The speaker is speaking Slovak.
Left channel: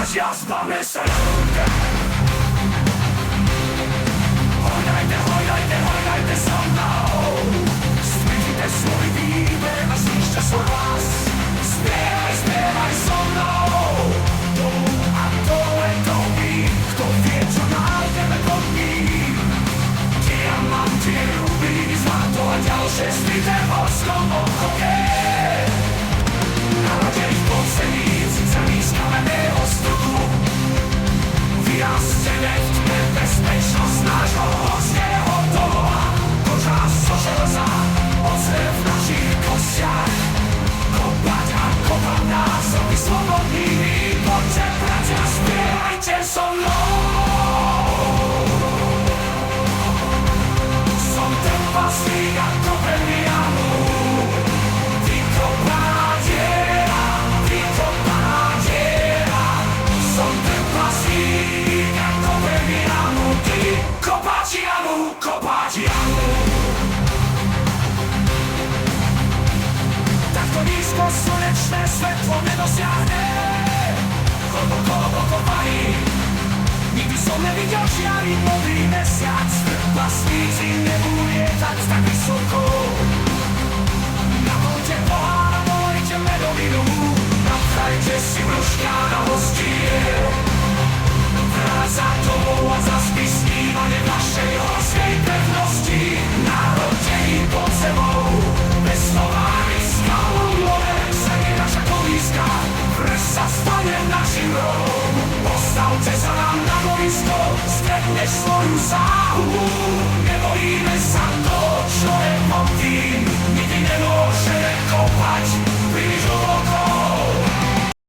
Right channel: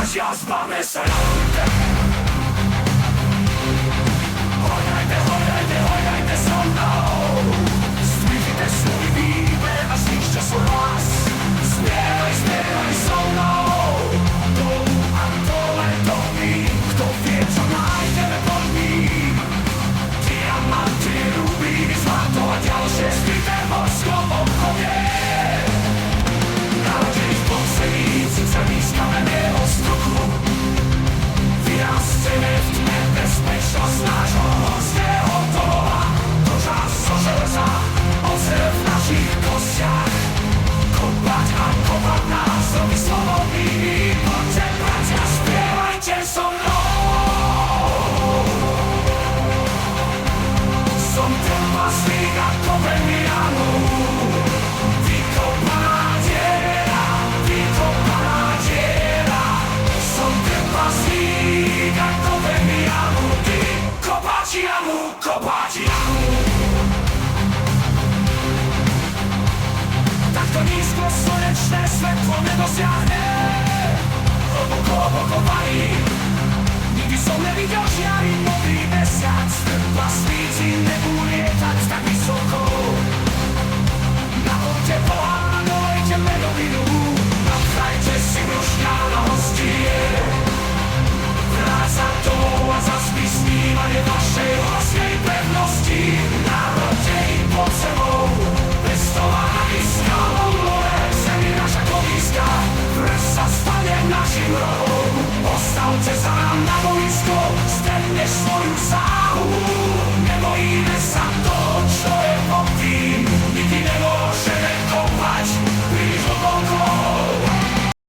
bratia z Bamesalanda. Hojnajte so mnou, stvížite svoj výber a zničte svoj hlas. Spievaj so mnou, dolu a dole domy, kto vie, čo nájdeme pod ním. Diamanty, rubíny, zlato a ďalšie skryté v morskom obchode. Narodení v podzemí, celý z kamenného stuku, vyrasteme v tme, bezpečnosť nášho horského domova. Koža zo železa, oceľ v našich kostiach, kopať a kopať nás, robiť slobodnými. Poďte, bratia, spievajte so mnou. Som trpaslík a kopem jamu, ty kopaná diera. Som trpaslík a kopem jamu, ty kopať jamu. Takto nízko slnečné svetlo nedosiahne, hlboko okopaný. Nikdy som nevidel žiariť modrý mesiac, trpaslíci nebudú lietať tak vysoko. Naplňte pohár a dolejte medovinu, napchajte si brúška na hostine. Vráť sa domov a zaspí snívanie vašej horskej pevnosti. Narodení pod zemou, pestovaní skalom, more zem je naša kolíska, vrch sa stane našim rohom. Postavte sa nám na boisko, stretneš svoju sáhu, nebojíme sa toho, čo je pod tým.